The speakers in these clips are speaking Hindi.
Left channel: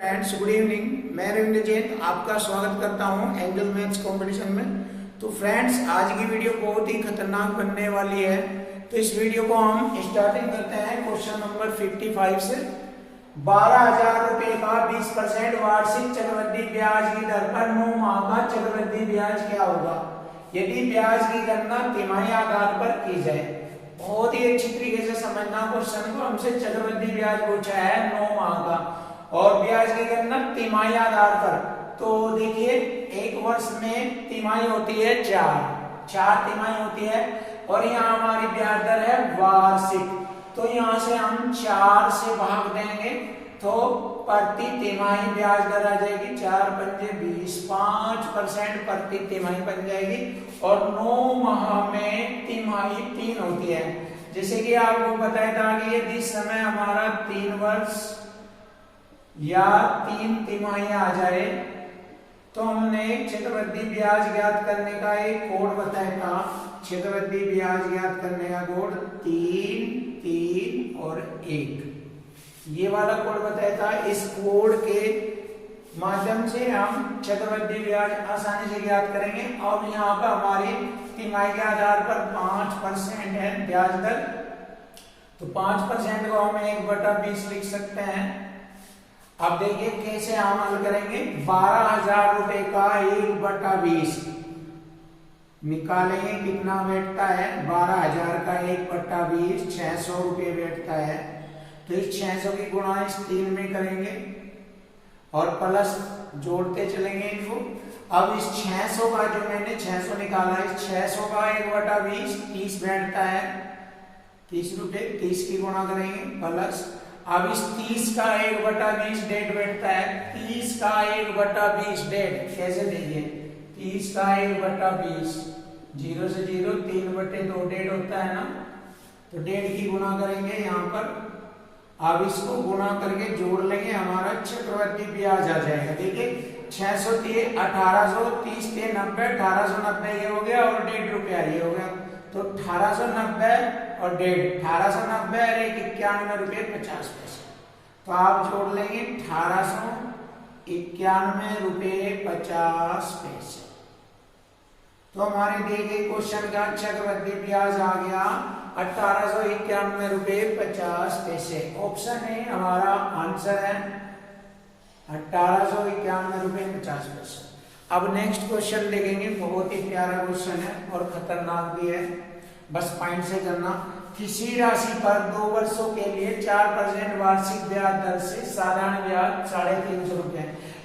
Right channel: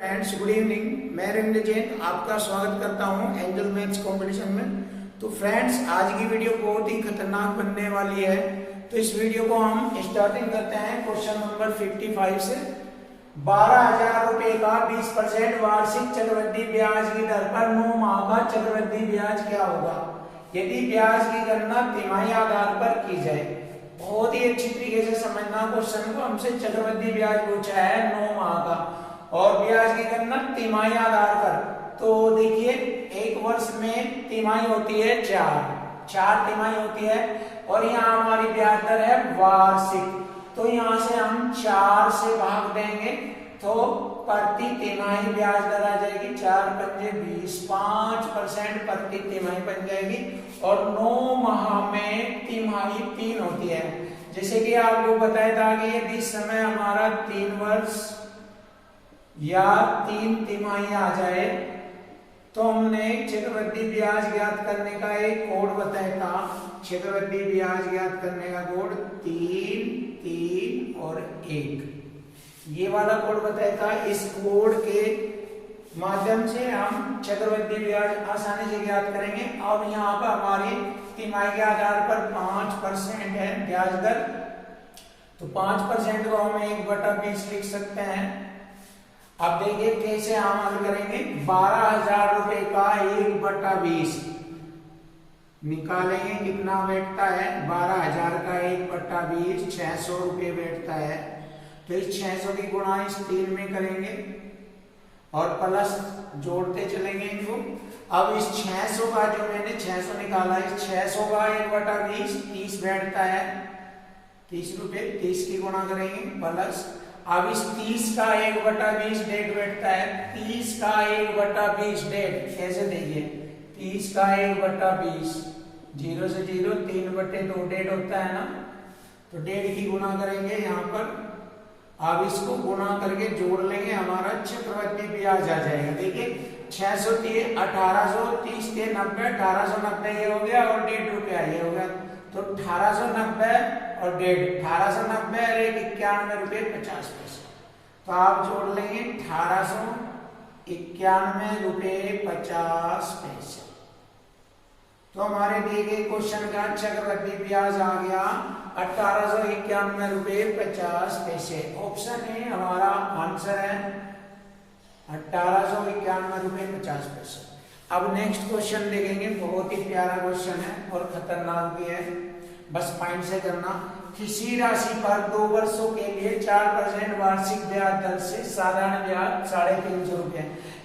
Friends, good evening. मैं रविंद्र जैन आपका स्वागत करता हूं एंजल मैथ्स कंपटीशन में। तो फ्रेंड्स, आज की वीडियो बहुत ही खतरनाक बनने वाली है। तो इस वीडियो को हम स्टार्टिंग करते हैं क्वेश्चन नंबर 55 से। 12,000 रुपए का 20% वार्षिक चक्रवृद्धि ब्याज की दर पर 9 माह का चक्रवृद्धि ब्याज क्या होगा यदि ब्याज की गणना तिमाही आधार पर की जाए। बहुत ही अच्छी तरीके से समझना क्वेश्चन को। हमसे चक्रवृद्धि ब्याज पूछा है 9 माह का और ब्याज की गणना तिमाही आधार पर। तो देखिए, एक वर्ष में तिमाही होती है चार तिमाही होती है और यहाँ हमारी ब्याज दर है वार्षिक। तो यहाँ से हम 4 से भाग देंगे तो प्रति तिमाही ब्याज दर आ जाएगी 4 पंजे 20, 5% प्रति तिमाही बन जाएगी। और 9 माह में तिमाही 3 होती है। जैसे कि आपको बताया था कि यदि समय हमारा 3 वर्ष या 3 तिमाही आ जाए तो हमने चक्रवृद्धि ब्याज ज्ञात करने का एक कोड बताया था। चक्रवृद्धि ब्याज ज्ञात करने का कोड 3, 3 और 1, ये वाला कोड बताया था। इस कोड के माध्यम से हम चक्रवृद्धि ब्याज आसानी से ज्ञात करेंगे। अब यहाँ पर हमारी तिमाही के आधार पर 5% है ब्याज दर, तो 5% को हम 1/20 लिख सकते हैं। अब देखिए कैसे हम हल करेंगे। 12,000 रुपए का 1/20 निकालेंगे, कितना बैठता है 12,000 का 1/20 600 रुपये बैठता है। तो इस 600 की गुणा इस 3 में करेंगे और प्लस जोड़ते चलेंगे इनको। अब इस 600 का जो मैंने 600 निकाला, इस 600 का 1/20 30 बैठता है, 30 रुपये। 30 की गुणा करेंगे प्लस। अब इस 30 का 1/20 डेढ़ बैठता है। 30 का 1/20 डेढ़ कैसे देखिए, 30 का 1/20 0 से 0 3/2 डेढ़ होता है ना, तो डेढ़ की गुणा करेंगे यहाँ पर। अब इसको गुणा करके जोड़ लेंगे, हमारा चक्रवृद्धि ब्याज आ जाएगा। देखिए 600 दिए 1800, 30 के 90, 1890 ये हो गया और 1.5 रुपया ये हो गया। तो 1890 और 1.5, 1890 और 91 रुपये 50 पैसे। तो आप जोड़ लेंगे 1891 रुपये 50 पैसे। तो हमारे दिए गए क्वेश्चन का चक्रवृद्धि ब्याज आ गया 1891 रुपये 50 पैसे। ऑप्शन ए हमारा आंसर है 1891 रुपये 50 पैसे। अब नेक्स्ट क्वेश्चन देखेंगे। बहुत ही प्यारा क्वेश्चन है और खतरनाक भी है, बस पॉइंट से करना। किसी राशि पर 2 वर्षों के लिए 4% वार्षिक ब्याज दर से साधारण ब्याज 350 रुपये।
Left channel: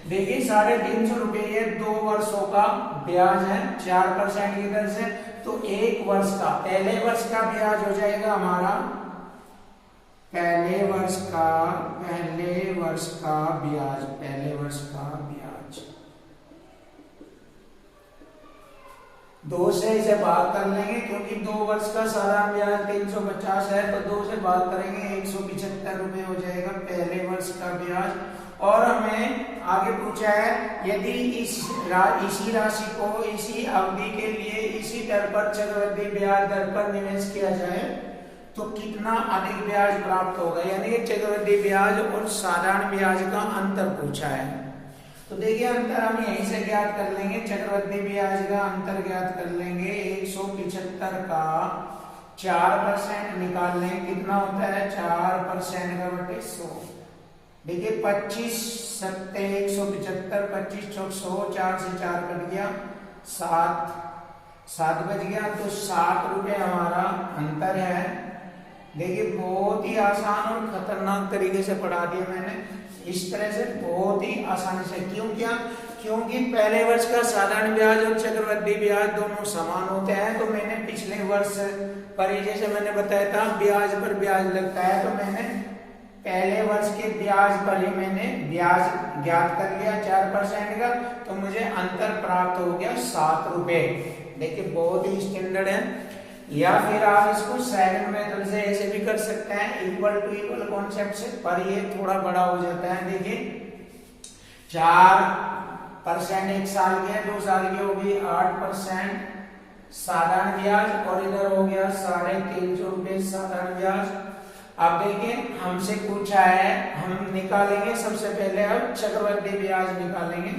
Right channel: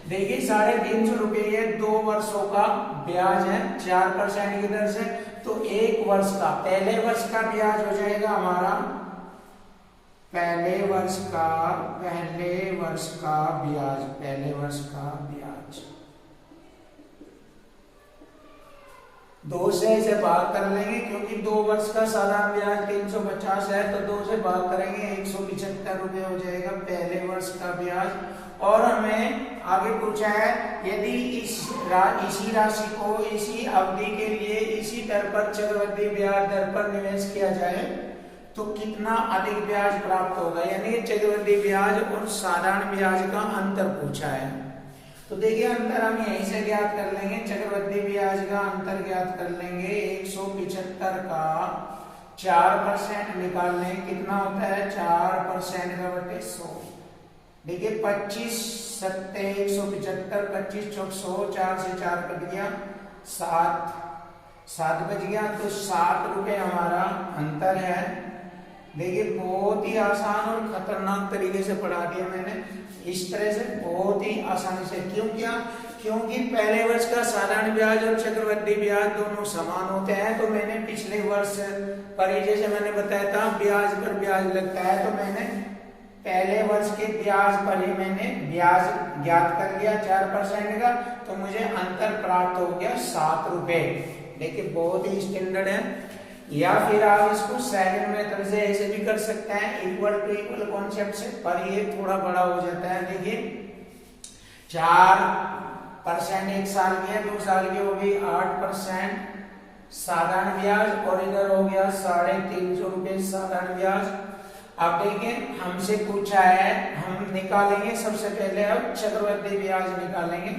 देखिए 350 रुपये ये 2 वर्षों का ब्याज है 4% की दर से। तो एक वर्ष का, पहले वर्ष का ब्याज हो जाएगा हमारा, पहले वर्ष का ब्याज 2 से इसे भाग कर लेंगे, क्योंकि 2 वर्ष का साधारण ब्याज 350 है, तो 2 से भाग करेंगे 175 रुपये हो जाएगा पहले वर्ष का ब्याज। और हमें आगे पूछा है यदि इसी राशि को इसी अवधि के लिए इसी दर पर चक्रवृद्धि ब्याज दर पर निवेश किया जाए तो कितना अधिक ब्याज प्राप्त होगा। यानी चक्रवृद्धि ब्याज और साधारण ब्याज का अंतर पूछा है। तो देखिए अंतर हम यहीं से ज्ञात कर लेंगे। चक्रवृद्धि ब्याज का अंतर ज्ञात कर लेंगे। 175 का 4% निकाल लेंगे, कितना होता है 4% का बटे 100। देखिए 25 सत्ते 175, 25 चौक 100, 4 से 4 कट गया 7 बच गया। तो 7 रुपये हमारा अंतर है। देखिए बहुत ही आसान और खतरनाक तरीके से पढ़ा दिया मैंने, इस तरह से बहुत ही आसानी से। क्योंकि पहले वर्ष का साधारण ब्याज और चक्रवृद्धि ब्याज दोनों समान होते हैं। तो मैंने पिछले वर्ष पर, जैसे मैंने बताया था ब्याज पर ब्याज लगता है, तो मैंने पहले वर्ष के ब्याज पर ही मैंने ब्याज ज्ञात कर लिया 4% का, तो मुझे अंतर प्राप्त हो गया 7 रुपये। देखिए बहुत ही स्टैंडर्ड है। या फिर आप इसको सेकंड मेथड से ऐसे भी कर सकते हैं, इक्वल टू इक्वल कॉन्सेप्ट से, पर ये थोड़ा बड़ा हो जाता है। देखिए 4% 1 साल की है, 2 साल की हो गई 8% साधारण ब्याज, और इधर हो गया 350 रुपये साधारण ब्याज। अब देखिए हमसे पूछा है, हम निकालेंगे सबसे पहले अब चक्रवृद्धि ब्याज निकालेंगे।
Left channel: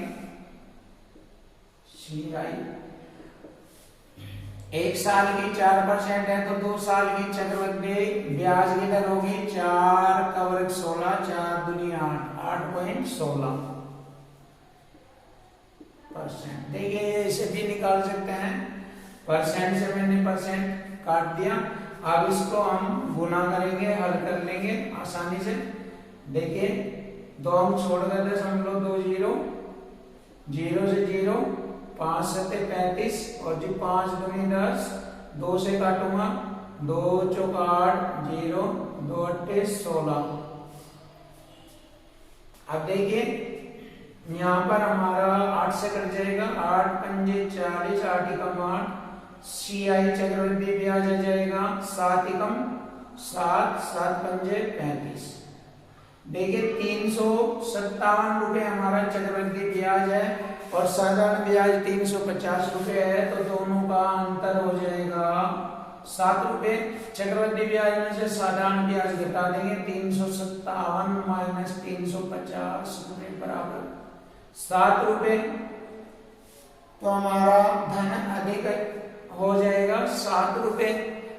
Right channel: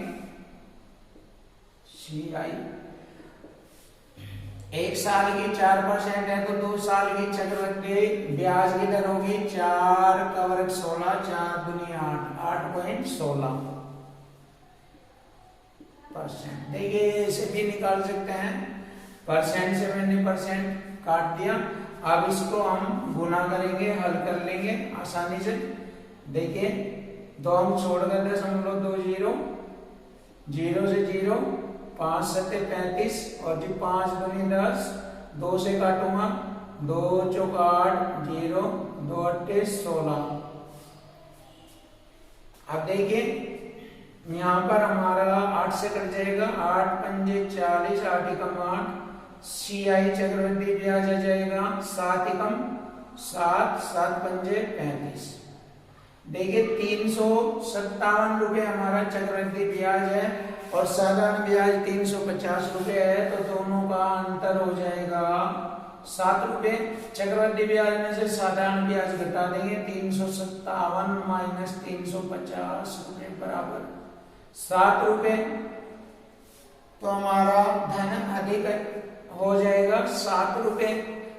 CI 1 साल की 4% है तो 2 साल की चक्रवृद्धि ब्याज की दर होगी 4 का वर्ग 16, 4 दूनी 8.16%। देखिए इसे भी निकाल सकते हैं, परसेंट से मैंने परसेंट काट दिया। अब इसको हम गुना करेंगे, हल कर लेंगे आसानी से। देखिए 2 अंक छोड़ गए, 0.20, 0 से 0, 5 सत्ते 35 और जी 5 दूनी 10, 2 से काटूंगा, 2 चौक 8, 0, 2 अट्ठे 16। अब देखिए यहाँ पर हमारा 8 से कट जाएगा, 8 पंजे 40, 8 एकम 8। CI चक्रवृद्धि ब्याज आ जाएगा 7 एकम 7, 7 पंजे 35। देखिए 357 रुपए हमारा चक्रवृद्धि ब्याज है और साधारण ब्याज 350 रुपए है, तो दोनों का अंतर हो जाएगा 7 रुपए। चक्रवृद्धि ब्याज में से साधारण ब्याज घटा देंगे, 357 माइनस 350 रुपए बराबर 7 रुपए। तो हमारा धन अधिक हो जाएगा 7 रुपए।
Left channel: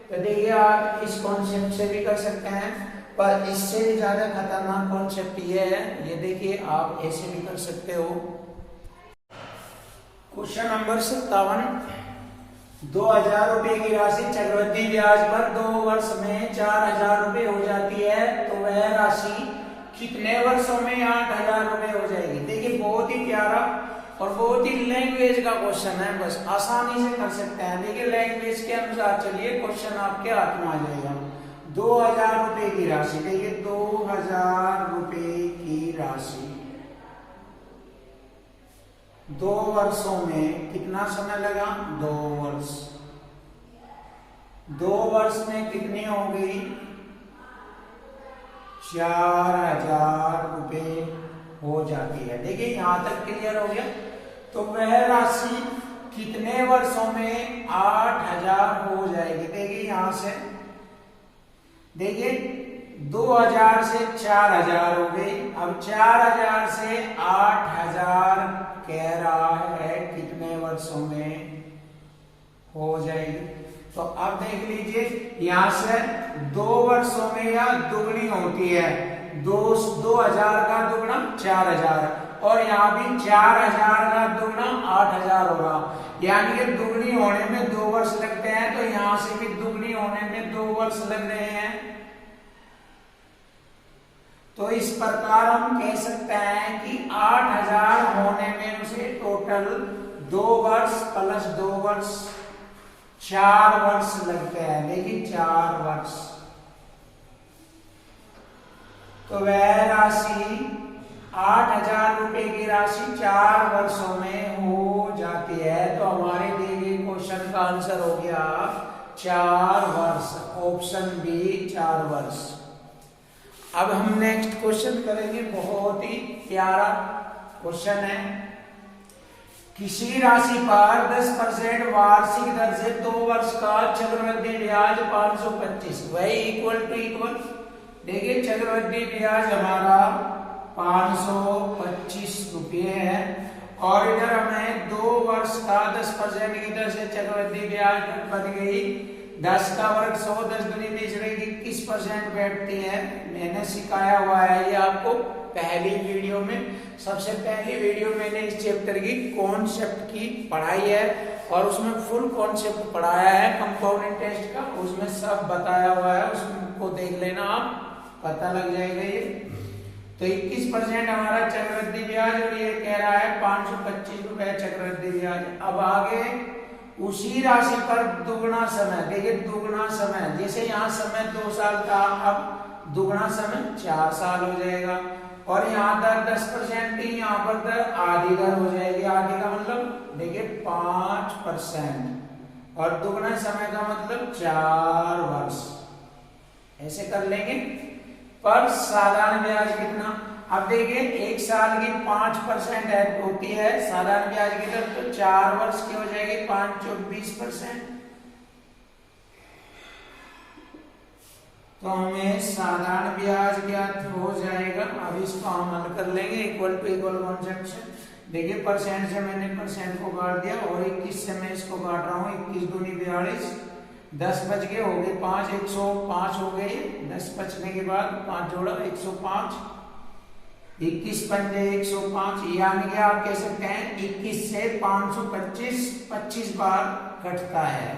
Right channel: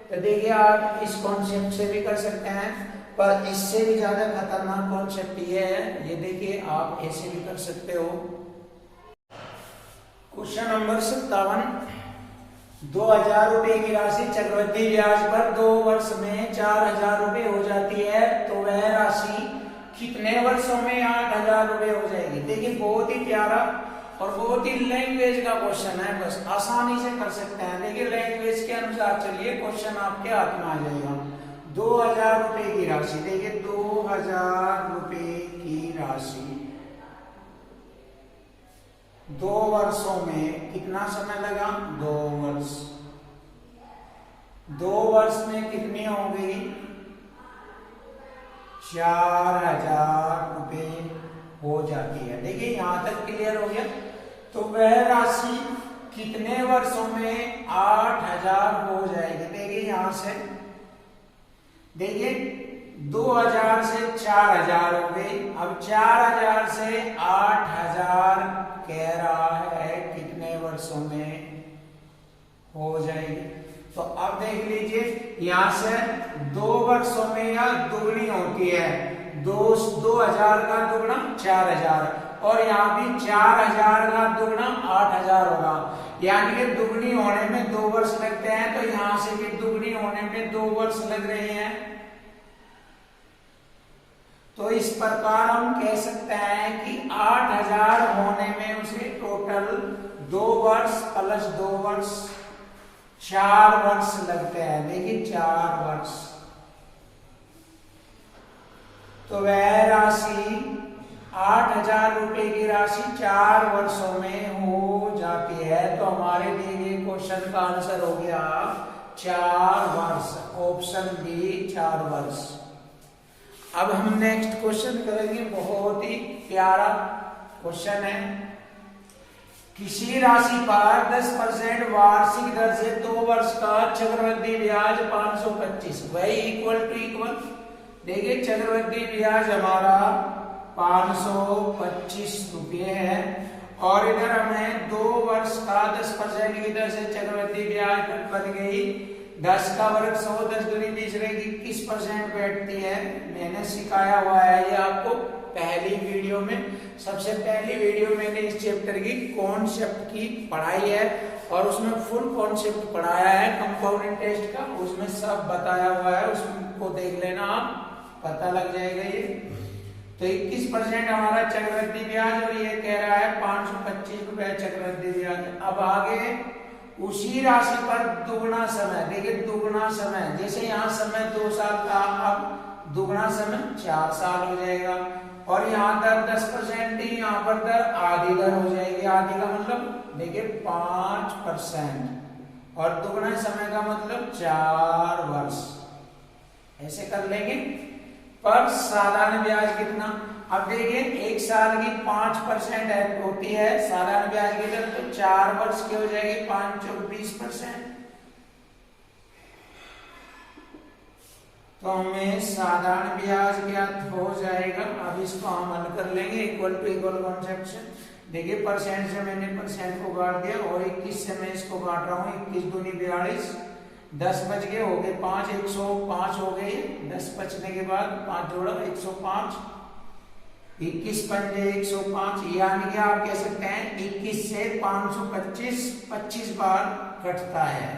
तो देखिए आप इस कॉन्सेप्ट से भी कर सकते हैं, पर इससे भी ज्यादा खतरनाक कॉन्सेप्ट ये है, ये देखिए आप ऐसे भी कर सकते हो। क्वेश्चन नंबर 57, 2000 रुपए की राशि चक्रवृद्धि ब्याज पर 2 वर्ष में 4000 रुपए हो जाती है, तो वह राशि कितने वर्षों में 8000 रुपए हो जाएगी। देखिए बहुत ही प्यारा और बहुत ही लैंग्वेज का क्वेश्चन है, बस आसानी से कर सकते हैं। देखिए लैंग्वेज के अनुसार चलिए, क्वेश्चन आपके हाथ में आ जाएगा। 2000 रुपए की राशि, देखिए 2000 रुपए की राशि 2 वर्षों में कितना समय लगा, 2 वर्ष। 2 वर्ष में कितनी हो गई, 4000 रुपए हो जाती है। देखिए यहां तक क्लियर हो गया। तो वह राशि कितने वर्षों में 8000 हो जाएगी। देखिए यहां से देखिए 2000 से 4000 हो गई, अब 4000 से 8000 कह रहा है कितने वर्षों में हो जाएगी। तो अब देख लीजिए यहां से 2 वर्षों में यह दुगनी होती है, 2000 का दुगना 4000 और यहाँ भी 4000 का दुगना 8000 होगा, यानी कि दुगनी होने में 2 वर्ष लगते हैं, तो यहां से भी दुगनी होने में 2 वर्ष लग रहे हैं। तो इस प्रकार हम कह सकते हैं कि 8000 होने में उसे टोटल 2 वर्ष प्लस 2 वर्ष 4 वर्ष लगते हैं। देखिए 4 वर्ष। तो वह राशि 8000 रुपए की राशि 4 वर्षों में हो जाती है। तो हमारे दिए गए क्वेश्चन का आंसर हो गया 4 वर्ष, ऑप्शन बी 4 वर्ष। अब हम नेक्स्ट क्वेश्चन करेंगे, बहुत ही प्यारा क्वेश्चन है। किसी राशि पर 10% वार्षिक दर से 2 वर्ष का चक्रवृद्धि ब्याज 525, वही इक्वल टू इक्वल। देखिए चक्रवृद्धि ब्याज हमारा 525 रुपये है और इधर हमें 2 वर्ष का 10% की दर से चक्रवृद्धि ब्याज बन गई 10 का वर्ग 100, 10 दूनी 20 रहेगी, 21% बैठती है। मैंने सिखाया हुआ है ये आपको पहली वीडियो में। सबसे पहली वीडियो मैंने इस चैप्टर की कॉन्सेप्ट की पढ़ाई है और उसमें फुल कॉन्सेप्ट पढ़ाया है कंपाउंड इंटरेस्ट का, उसमें सब बताया हुआ है, उसको देख लेना आप, पता लग जाएगा ये। तो 21% हमारा चक्रवृद्धि ब्याज और ये कह रहा है 525 रुपए चक्रवृद्धि ब्याज। अब आगे उसी राशि पर दुगना समय, देखिए दुगना समय, जैसे यहाँ समय 2 साल था, अब दुगना समय 4 साल हो जाएगा और यहाँ दर 10% थी, यहाँ पर दर आधी दर हो जाएगी। आधी का मतलब देखिए 5% और दुगना समय का मतलब 4 वर्ष। ऐसे कर लेंगे। पर साधारण ब्याज कितना, अब देखिए 1 साल की 5% होती है साधारण ब्याज की दर, तो 4 वर्ष की हो जाएगी 5 और 20%। तो हमें साधारण ब्याज ज्ञात हो जाएगा। अब इसको हम हल कर लेंगे इक्वल टू इक्वल कॉन्सेप्ट से। देखिए परसेंट से मैंने परसेंट को काट दिया और 21 से मैं इसको काट रहा हूँ। 21 दूनी 42, 10 बच गए, हो गए 5, 105 हो गए। 10 बचने के बाद 5 जोड़ा 105, 21 पंजे 105, यानी कि आप कह सकते हैं 21 से 525 25 बार कटता है।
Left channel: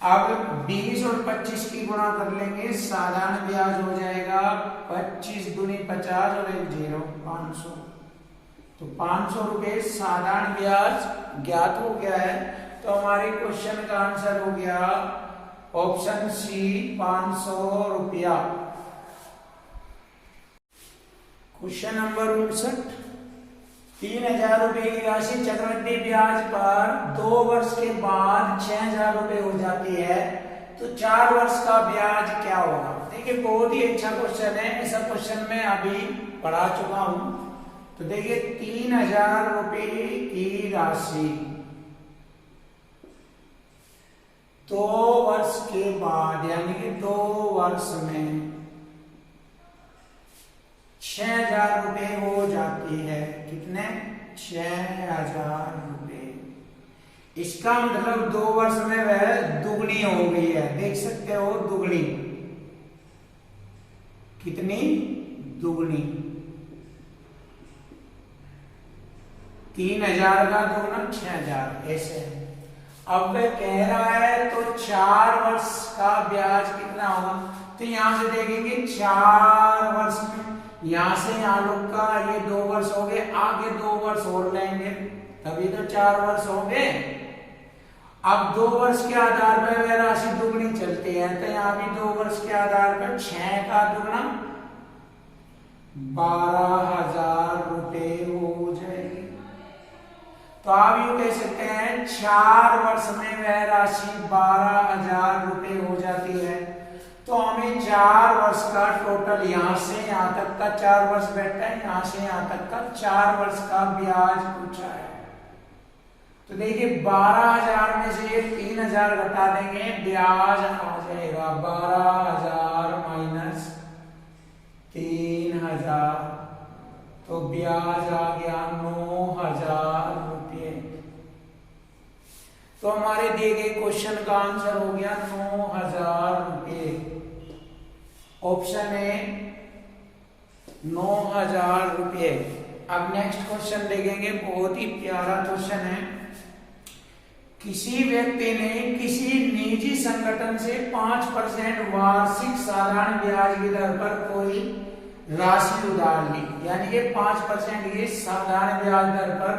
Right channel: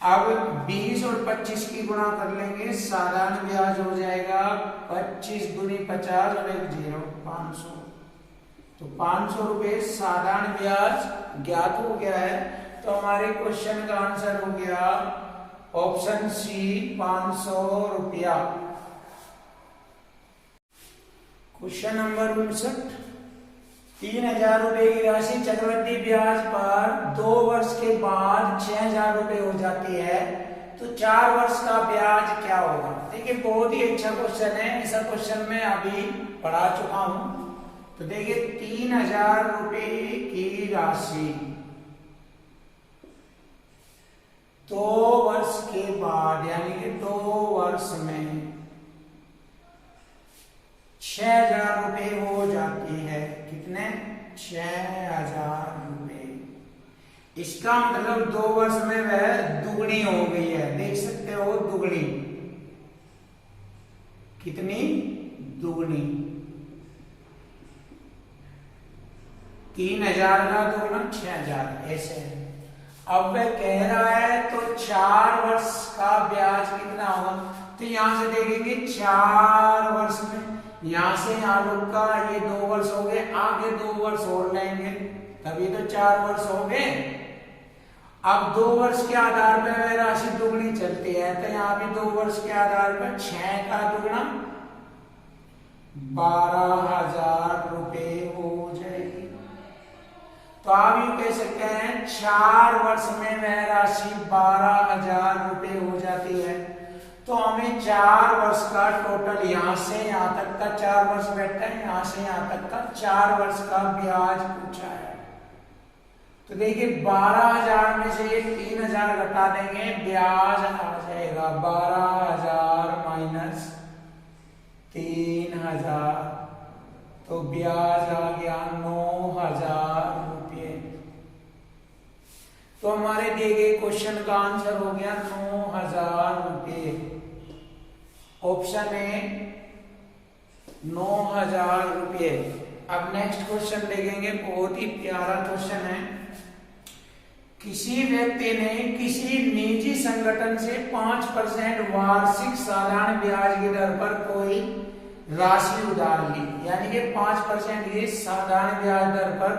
अब 20 और 25 की गुणा कर लेंगे, साधारण ब्याज हो जाएगा 25 दूनी 50 और 1 0 500। तो 500 रुपए साधारण ब्याज ज्ञात हो गया है। तो हमारे क्वेश्चन का आंसर हो गया ऑप्शन सी 500 रुपया। क्वेश्चन नंबर 59, 3000 रुपए की राशि चक्रवृद्धि ब्याज पर 2 वर्ष के बाद 6000 रुपए हो जाती है, तो 4 वर्ष का ब्याज क्या होगा। देखिए बहुत ही अच्छा क्वेश्चन है। ऐसा क्वेश्चन मैं अभी पढ़ा चुका हूं। तो देखिए 3000 रुपए की राशि 2 वर्ष के बाद यानी कि 2 वर्ष में 6000 रुपए हो जाती है। कितने? 6000 रुपए। इसका मतलब 2 वर्ष में वह दुगनी हो गई है। देख सकते हो दुगनी, कितनी? दुगनी। 3000 का दुगना 6000, ऐसे। अब वह कह रहा है तो 4 वर्ष का ब्याज कितना होगा। तो यहां से देखेंगे 4 वर्ष में, यहां से यहां लोग का ये 2 वर्ष हो गए, आगे 2 वर्ष और लेंगे तभी तो 4 वर्ष हो गए। अब 2 वर्ष के आधार पर वह राशि दुगनी चलती है, तो यहां भी 2 वर्ष के आधार पर 6 का दुगना 12000 रुपए हो जाएगी। तो आप यूं कह सकते हैं 4 वर्ष में वह राशि 12000 रुपए हो जाती है। तो हमें 4 वर्ष का टोटल, यहां से यहां तक का 4 वर्ष बैठा है, यहां से यहां तक का 4 वर्ष का ब्याज पूछा है। तो देखिए 12000 में से ये 3000 घटा देंगे, ब्याज आ जाएगा 12000 माइनस 3000, तो ब्याज आ गया 9000 रुपये। तो हमारे दिए गए क्वेश्चन का आंसर हो गया 9000 रुपये। ऑप्शन ए 9000 रुपये। अब नेक्स्ट क्वेश्चन देखेंगे, बहुत ही प्यारा क्वेश्चन है। किसी व्यक्ति ने किसी निजी संगठन से 5% वार्षिक साधारण ब्याज की दर पर कोई राशि उधार ली, यानी कि 5% की साधारण ब्याज दर पर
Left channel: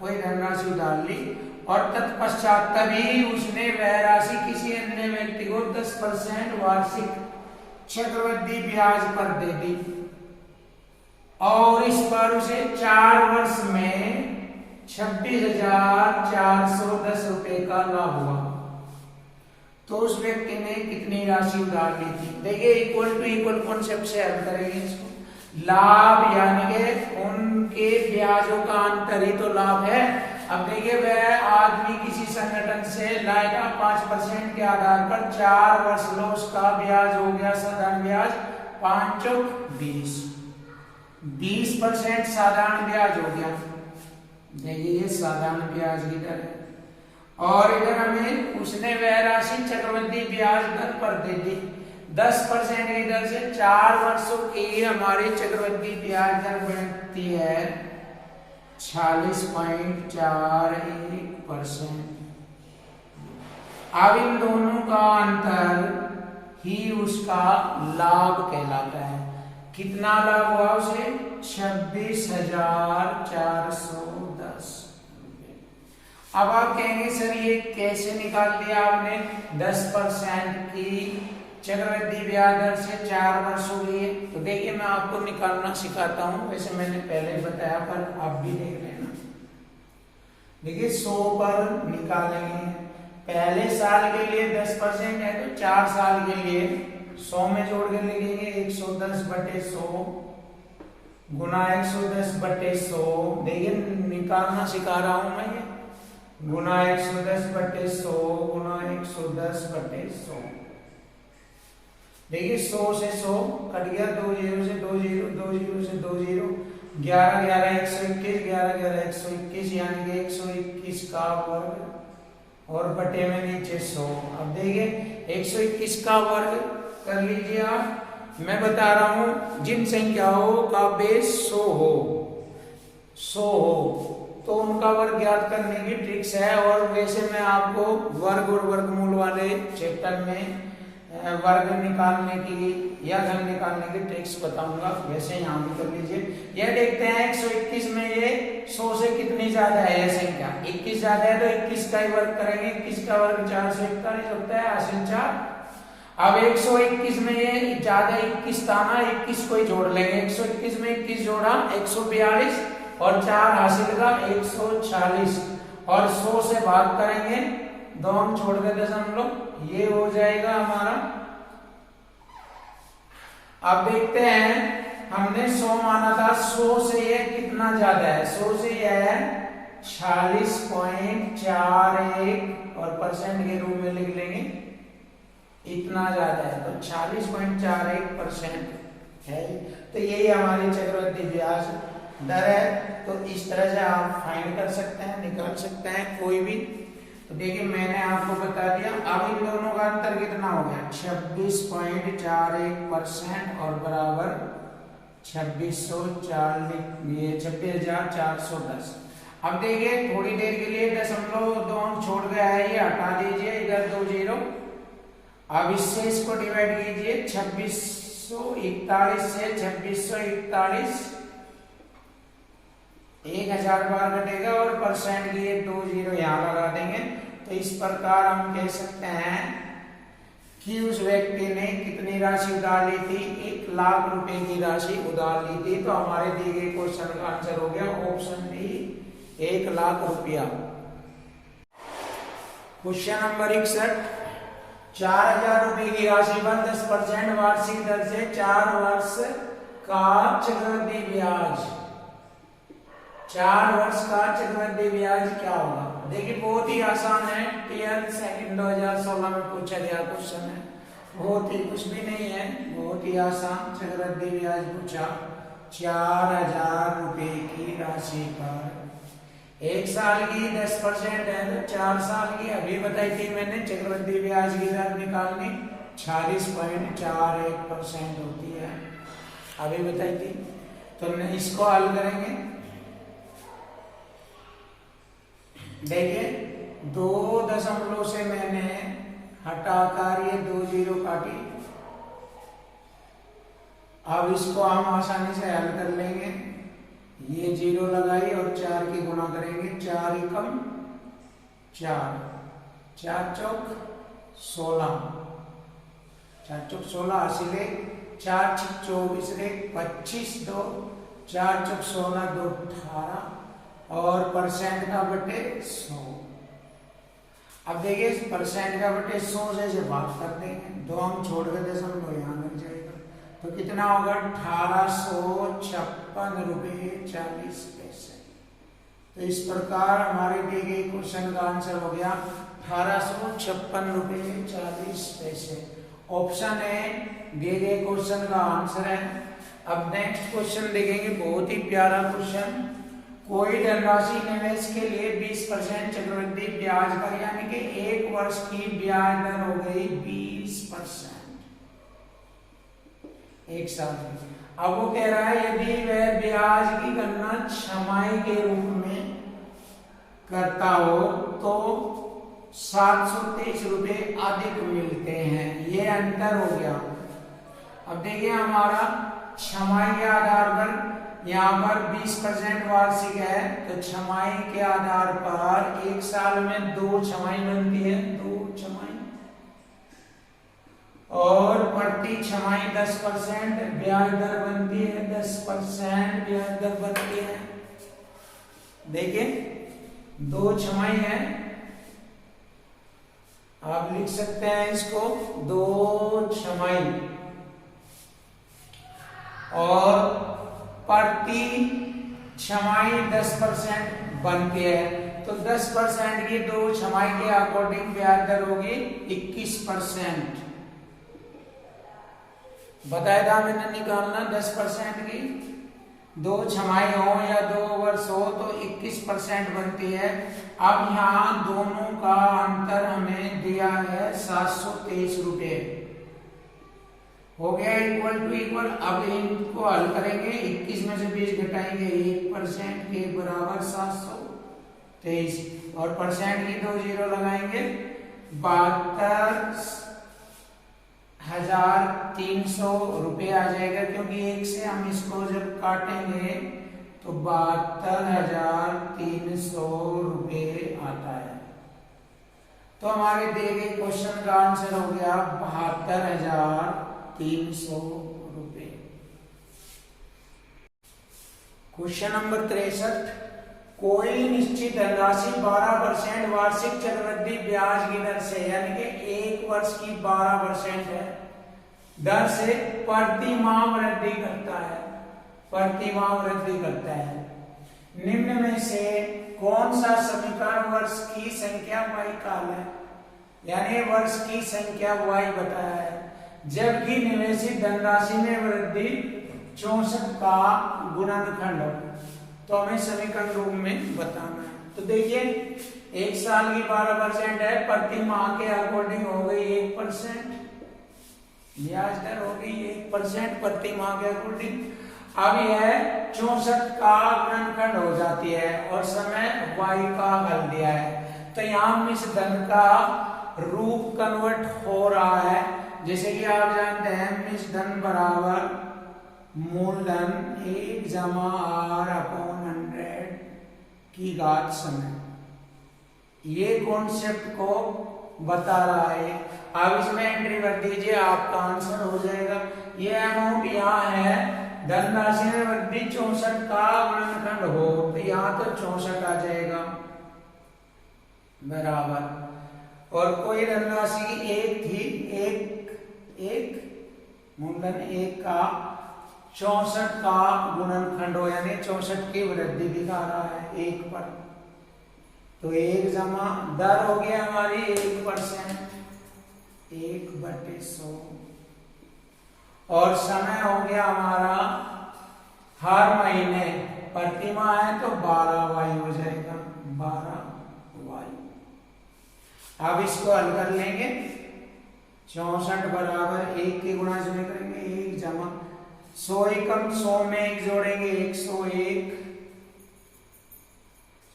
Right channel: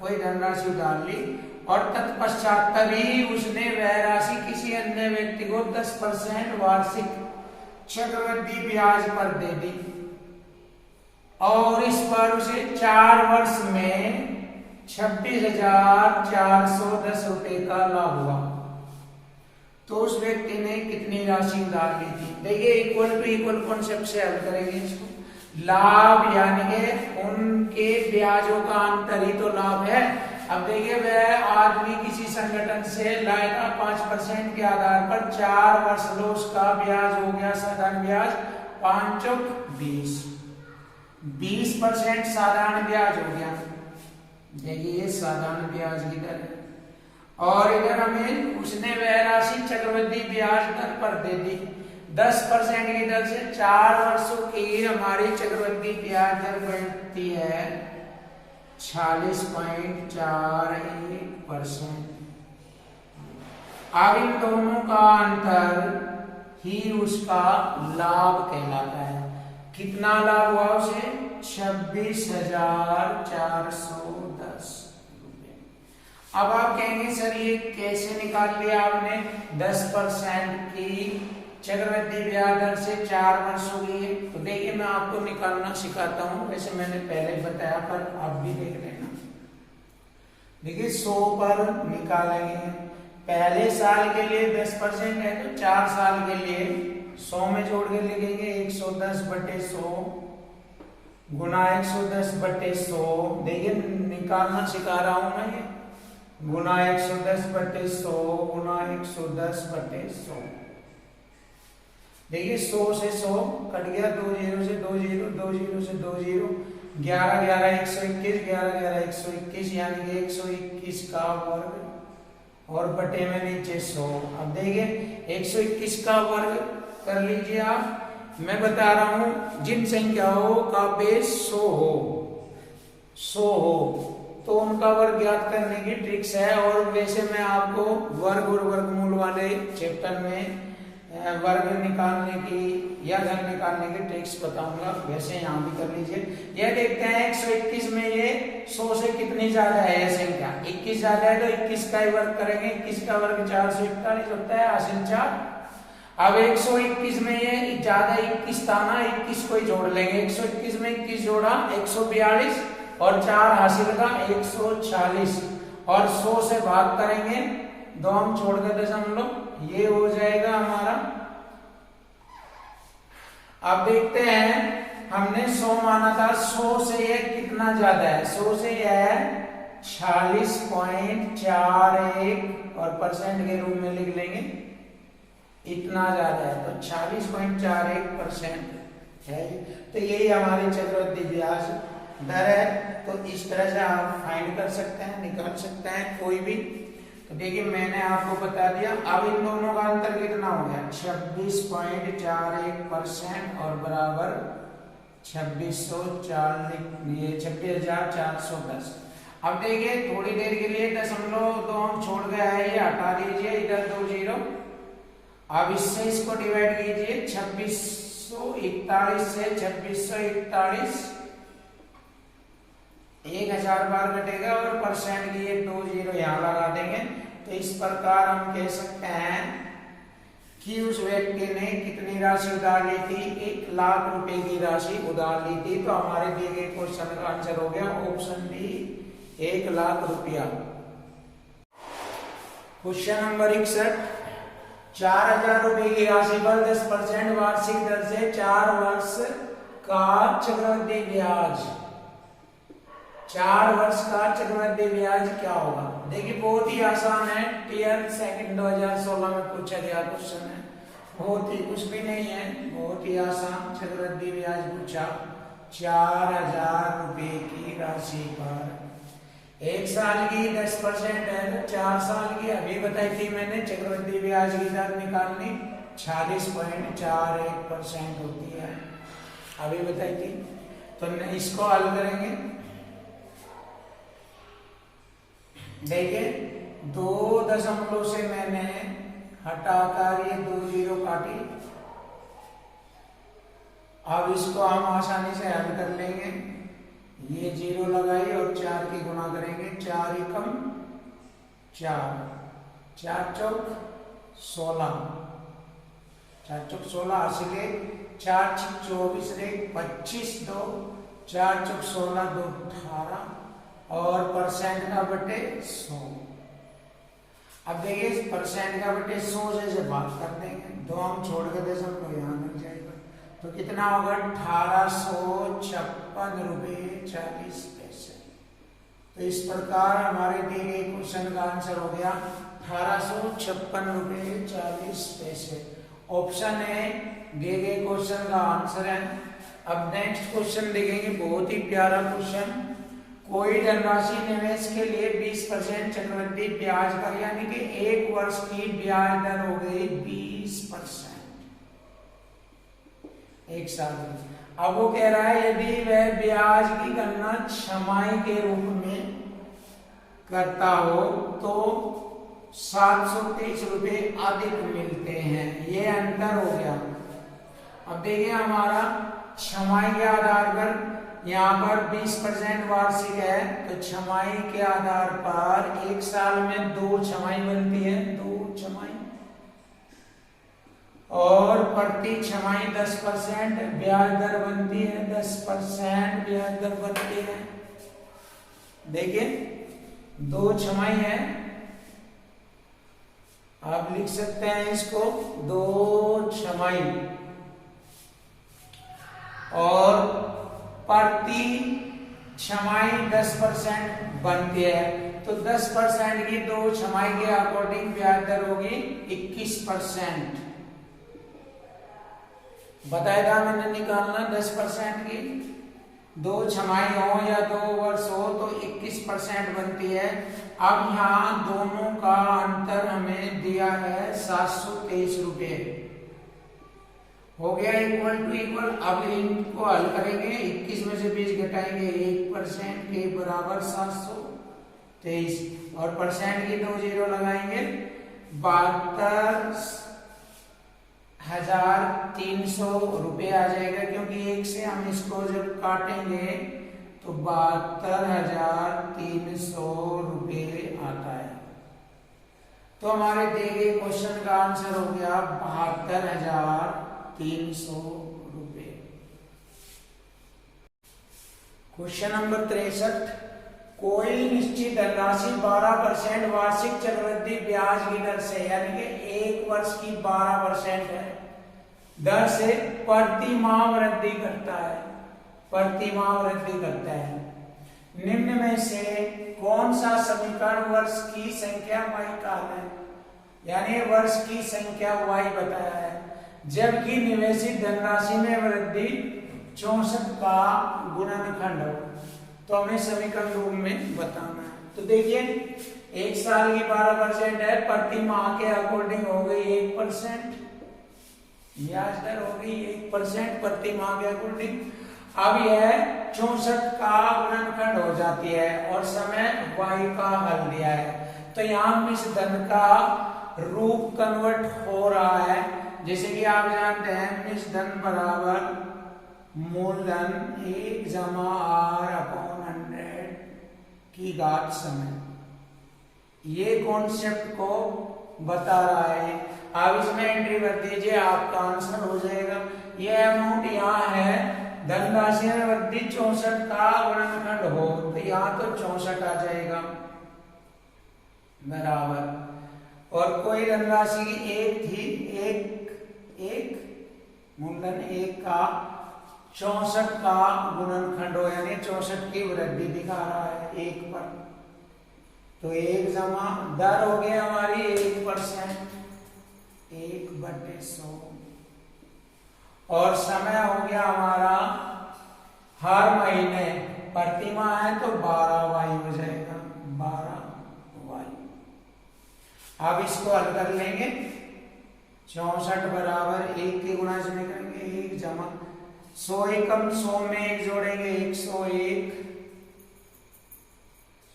कोई धनराशि उधार ली, और तत्पश्चात तभी उसने वह राशि किसी अन्य व्यक्ति को 10% वार्षिक चक्रवृद्धि ब्याज पर दे दी, और इस पर उसे 4 वर्ष में 26,410 रुपए का लाभ हुआ। तो उस व्यक्ति ने कितनी राशि उधार ली थी। देखिए इक्वल टू इक्वल कॉन्सेप्ट से हल करेंगे इसको। लाभ यानी कि उनके ब्याजों का अंतर ही तो लाभ है। अब देखिए वह आदमी किसी संगठन से लाया था 5% के आधार पर, 4 वर्ष लो, उसका ब्याज हो गया साधारण ब्याज 5 चौक 20, 20% साधारण ब्याज हो गया। देखिए ये साधारण ब्याज की दर है, और इधर हमें उसने वह राशि चक्रवृद्धि ब्याज दर पर दे दी 10% की दर से। 4 वर्षों की हमारी चक्रवृद्धि ब्याज दर बढ़ती है 46.41%। अब इन दोनों का अंतर ही उसका लाभ कहलाता है। कितना लाभ हुआ उसे? 26,410 रुपए। अब आप कहेंगे सर ये कैसे निकाल लिया आपने? 10% की चक्रवृद्धि ब्याज दर से 4 वर्ष हो गई है। तो देखिए मैं आपको निकालना सिखाता हूं, वैसे मैंने पहले बताया पर आप भी देख लेना। देखिए 100 पर निकालेंगे, पहले साल के लिए 10% है तो 4 साल के लिए 100 में जोड़ के लिखेंगे 110/100 गुना 110/100। देखिए निकालना सिखा रहा हूं मैं, ये गुना 110/100 गुना 110/100। देखिए 100 से 100 कट गया, 2 जीरो से 2 जीरो, 2 जीरो से 2 जीरो, 11 11 121, 11 11 121, यानी कि 121 का वर्ग और बटे में नीचे 100। अब देखिए 121 का वर्ग कर लीजिए आप। मैं बता रहा हूं जिन संख्याओं का बेस 100 हो तो उनका वर्ग ज्ञात करने की ट्रिक्स है। और वैसे मैं आपको वर्ग और वर्गमूल वाले चैप्टर में वर्ग निकालने की या घन निकालने की ट्रिक्स बताऊंगा, वैसे यहाँ भी कर लीजिए। यह देखते हैं 121 में ये 100 से कितनी ज्यादा है यह संख्या, 21 ज्यादा है तो 21 का ही वर्ग करेंगे। 21 का वर्ग 441 होता है, हासिल 4। अब 121 में ये ज्यादा 21 था ना, 21 को ही जोड़ लेंगे। 121 में 21 जोड़ा 142 और 4 हासिल का 140 और 100 से भाग करेंगे, 2 हम छोड़ के दशमलव, ये हो जाएगा हमारा। अब देखते हैं हमने 100 माना था, 100 से ये कितना ज्यादा है, 100 से यह है 46.41 और परसेंट के रूप में लिख लेंगे, इतना ज्यादा है तो 46.41% है। तो यही हमारी चक्रवृद्धि ब्याज दर है। तो इस तरह से आप फाइंड कर सकते हैं, निकाल सकते हैं कोई भी। तो देखिए मैंने आपको बता दिया। अब इन दोनों का अंतर कितना हो गया, 26.41% और बराबर 26,410। अब देखिए थोड़ी देर के लिए दशमलव 2 हम छोड़ गया है, ये हटा दीजिए, इधर 2 जीरो। अब इससे इसको डिवाइड कीजिए, 2641 से 2641 1000 बार घटेगा और परसेंट की ये 2 जीरो यहां लगा देंगे। तो इस प्रकार हम कह सकते हैं कि उस व्यक्ति ने कितनी राशि उधार ली थी, 1 लाख रुपए की राशि उधार ली थी। तो हमारे दिए गए क्वेश्चन का आंसर हो गया ऑप्शन डी, 1 लाख रुपया। क्वेश्चन नंबर 61, 4000 रुपए की राशि पर 10% वार्षिक दर से 4 वर्ष का चक्रवृद्धि ब्याज, 4 वर्ष का चक्रवृद्धि ब्याज क्या होगा। देखिए बहुत ही आसान है, टीयर सेकंड 2016 में पूछा गया क्वेश्चन है, बहुत ही कुछ भी नहीं है, बहुत ही आसान चक्रवृद्धि ब्याज पूछा। 4000 रुपए की राशि पर 1 साल की 10% है, 4 साल की अभी बताई थी मैंने चक्रवृद्धि ब्याज की दर निकालनी 46.41% होती है, अभी बताई थी। तो हमने इसको हल करेंगे। देखिए 2 दशमलव से मैंने हटाकर ये 2 जीरो काटी। अब इसको हम आसानी से हल कर लेंगे, ये जीरो लगाई और 4 की गुणा करेंगे, 4 एकम 4, 4 चौक 16, 4 चौक 16 हासिले, 4 छिक 24 रे 25, 2 4 चौक 16, 2 18 और परसेंट का बटे 100। अब देखिए परसेंट का बटे 100 से भाग कर देंगे, 2 हम छोड़ के दशमलव यहां लग जाएगा। तो कितना होगा, 1856 रुपए 40 पैसे। तो इस प्रकार हमारे दिए गए क्वेश्चन का आंसर हो गया 1856 रुपए 40 पैसे। ऑप्शन ए दिए गए क्वेश्चन का आंसर है। अब नेक्स्ट क्वेश्चन देखेंगे, बहुत ही प्यारा क्वेश्चन। कोई धनराशि निवेश के लिए 20% चक्रवृद्धि ब्याज पर, यानी कि 1 वर्ष की ब्याज दर हो गई 20% 1 साल में। अब वो कह रहा है यदि वह ब्याज की गणना छमाही के रूप में करता हो तो 723 रुपए अधिक मिलते हैं, ये अंतर हो गया। अब देखिए हमारा छमाही के आधार पर यहाँ पर 20% वार्षिक है, तो छमाही के आधार पर 1 साल में 2 छमाही बनती है, 2 छमाही, और प्रति छमाही 10% ब्याज दर बनती है, 10% ब्याज दर बनती है। देखिए 2 छमाही है, आप लिख सकते हैं इसको 2 छमाही, और प्रति छमाही 10% बनती है। तो 10% की 2 छमाही के अकॉर्डिंग ब्याज दर होगी 21%। बताया था मैंने निकालना 10% की, 2 छमाही हो या 2 वर्ष हो तो 21% बनती है। अब यहाँ दोनों का अंतर हमें दिया है 723 रुपये, हो गया इक्वल टू इक्वल। अब इनको हल करेंगे, 21 में से 20 घटाएंगे, 1% के बराबर 723 और परसेंट की 2 जीरो लगाएंगे, 72,300 रुपये आ जाएगा, क्योंकि 1 से हम इसको जब काटेंगे तो 72,300 रुपये आता है। तो हमारे दिए गए क्वेश्चन का आंसर हो गया 72,300 रुपये। क्वेश्चन नंबर 63, कोई निश्चित धनराशि 12% वार्षिक चक्रवृद्धि ब्याज की दर से, यानी कि 1 वर्ष की 12% है दर से प्रति माह वृद्धि करता है, प्रति माह वृद्धि करता है। निम्न में से कौन सा समीकरण वर्ष की संख्या y काल है, यानी वर्ष की संख्या y बताया है, जबकि निवेशित धनराशि में वृद्धि 64 का गुणनखंड हो। तो हमें समीकरण रूप में बताना है। तो देखिए 1 साल की 12% है, प्रति माह के अकॉर्डिंग हो गई 1%, ब्याज दर हो गई 1% प्रति माह के अकॉर्डिंग। अब यह 64 का गुणनखंड हो जाती है और समय y का हल दिया है। तो यहाँ इस धन का रूप कन्वर्ट हो रहा है, जैसे कि आप जानते हैं इस धन बराबर मूलधन 1 जमा r/100 की घात समय, ये कॉन्सेप्ट को बता रहा है। अब इसमें एंट्री कर दीजिए, आपका आंसर हो जाएगा। ये अमाउंट यहाँ है, धनराशि में वृद्धि 64 का गुणनखंड हो, तो यहाँ तो 64 आ जाएगा बराबर, और कोई धनराशि 1 थी, एक मूलधन 1 का 64 का गुणनखंड हो, यानी 64 की वृद्धि दिखा रहा है 1 पर। तो 1 जमा दर हो गया हमारी 1%, 1/100, और समय हो गया हमारा हर महीने, प्रति माह है तो 12y हो जाएगा, 12y। अब इसको हल कर लेंगे, 64 बराबर 1 के गुणा से करेंगे, 1 जमा 100 एकम 100 में 1 जोड़ेंगे 101,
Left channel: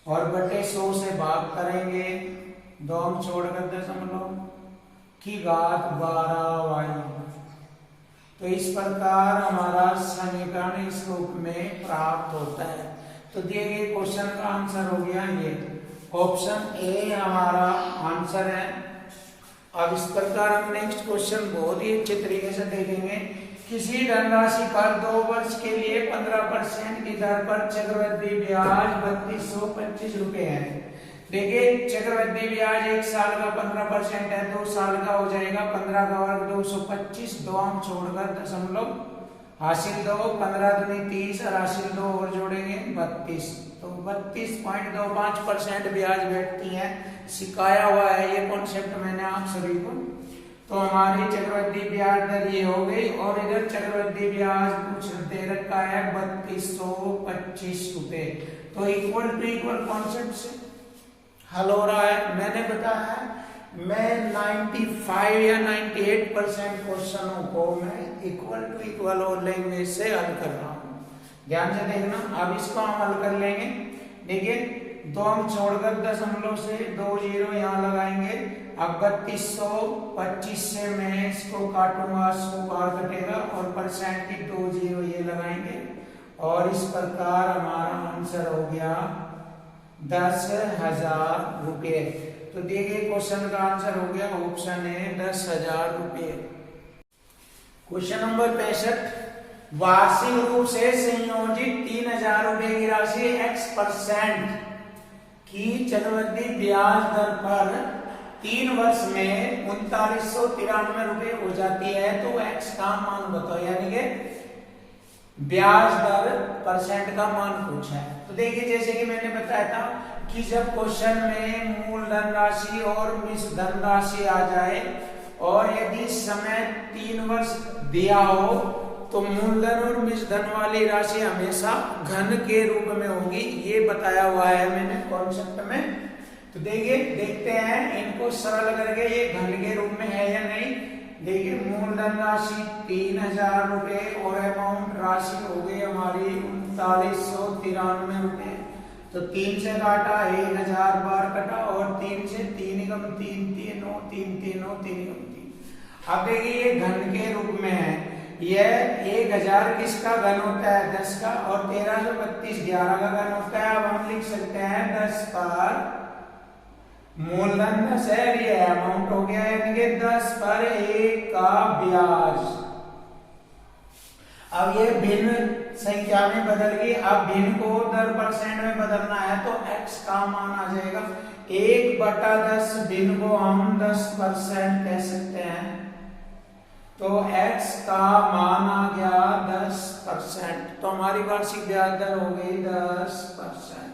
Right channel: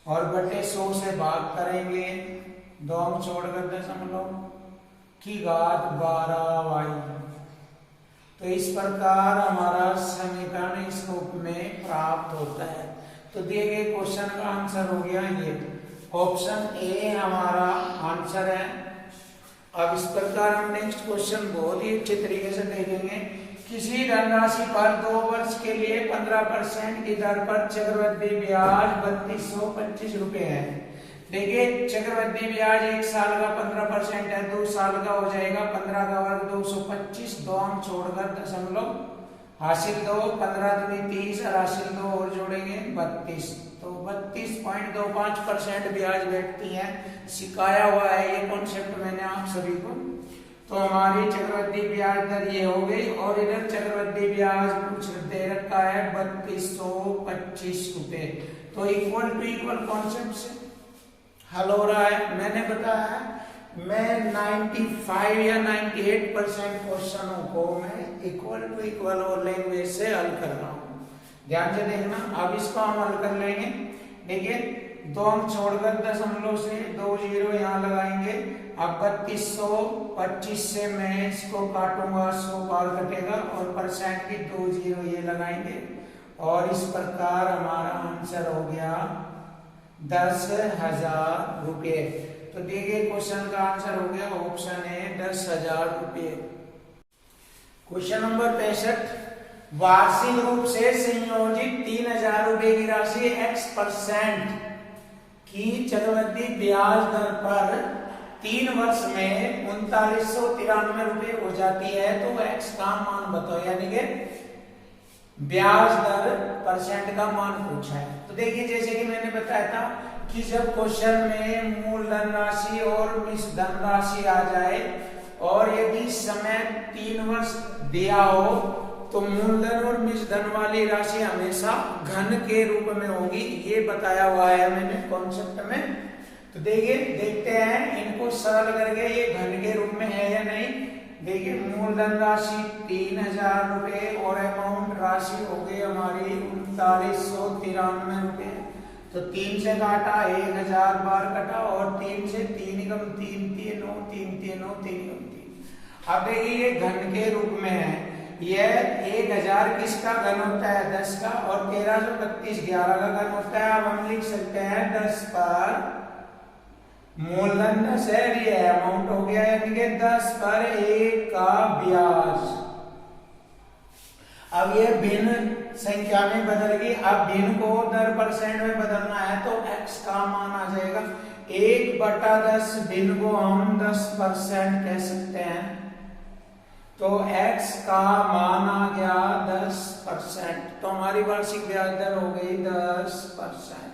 और बटे 100 से भाग करेंगे, 2 छोड़कर दशमलव की घात 12y। तो इस प्रकार हमारा समीकरण इस रूप में प्राप्त होता है। तो दिए गए क्वेश्चन का आंसर हो गया ये, ऑप्शन ए हमारा आंसर है। अब इस प्रकार हम नेक्स्ट क्वेश्चन बहुत ही अच्छे तरीके से देखेंगे। किसी धनराशि पर 2 वर्ष के लिए 15% की दर पर चक्रवृद्धि ब्याज 3225 रुपए है। देखिए चक्रवृद्धि ब्याज 1 साल का 15% है, 2 साल का हो जाएगा 15 का वर्ग 225, 2 अंक छोड़कर दशमलव, हासिल 2, 15 दूनी 30 और हासिल 2 और जोड़ेंगे 32, तो 32.25% ब्याज बैठती है। सिखाया हुआ है ये कॉन्सेप्ट मैंने आप सभी को। तो हमारी चक्रवृद्धि ब्याज दर ये हो गई, और इधर चक्रवृद्धि ब्याज कुछ दे रखा है 3225 रुपए। तो इक्वल टू इक्वल कॉन्सेप्ट से हल हो रहा है। मैंने बताया मैं 95 या 98% क्वेश्चनों को मैं इक्वल टू इक्वल और लैंग्वेज से हल कर रहा हूँ, ध्यान से देखना। अब इसको हम हल कर लेंगे। देखिए 2 अंक छोड़कर दशमलव से 2 जीरो यहाँ लगाएंगे। अब 3225 से मैं इसको काटूंगा, 100 बार कटेगा, और परसेंट की 2 जीरो ये लगाएंगे, और इस प्रकार हमारा आंसर हो गया 10,000 रुपये। तो दिए गए क्वेश्चन का आंसर हो गया ऑप्शन ए 10,000 रुपये। क्वेश्चन नंबर 63, वार्षिक रूप से संयोजित 3,000 रुपए की राशि x% की चक्रवृद्धि ब्याज दर पर 3 वर्ष में 3993 रुपए हो जाती है। तो x का मान बताओ, यानी कि ब्याज दर परसेंट का मान पूछा है। तो देखिए जैसे कि मैंने बताया था कि जब क्वेश्चन में मूलधन राशि और मिश्र धन राशि आ जाए, और यदि समय 3 वर्ष दिया हो तो मूलधन और बीजधन वाली राशि हमेशा घन के रूप में होगी, ये बताया हुआ है मैंने कॉन्सेप्ट में। तो देखिए देखते हैं इनको सरल करके ये घन के रूप में है या नहीं। देखिए मूलधन राशि 3000 रुपए और अमाउंट राशि हो गई हमारी 3993 रुपए। तो 3 से काटा 1000 बार कटा और 3 से 3 कम 3 3 9 3 3 9 3 कम 3। अब देखिए ये घन के रूप में है। यह 1000 किसका घन होता है 10 का और 1332 11 का घन होता है। अब हम लिख सकते हैं 10 पर मूलधन 10 है, ये अमाउंट हो गया यानी कि 10 पर 1 का ब्याज। अब ये भिन्न संख्या में बदल गई। अब भिन्न को 10% में बदलना है तो x का मान आ जाएगा 1/10। भिन्न को हम 10% कह सकते हैं तो x का मान आ गया 10%। तो हमारी वार्षिक ब्याज दर हो गई 10%।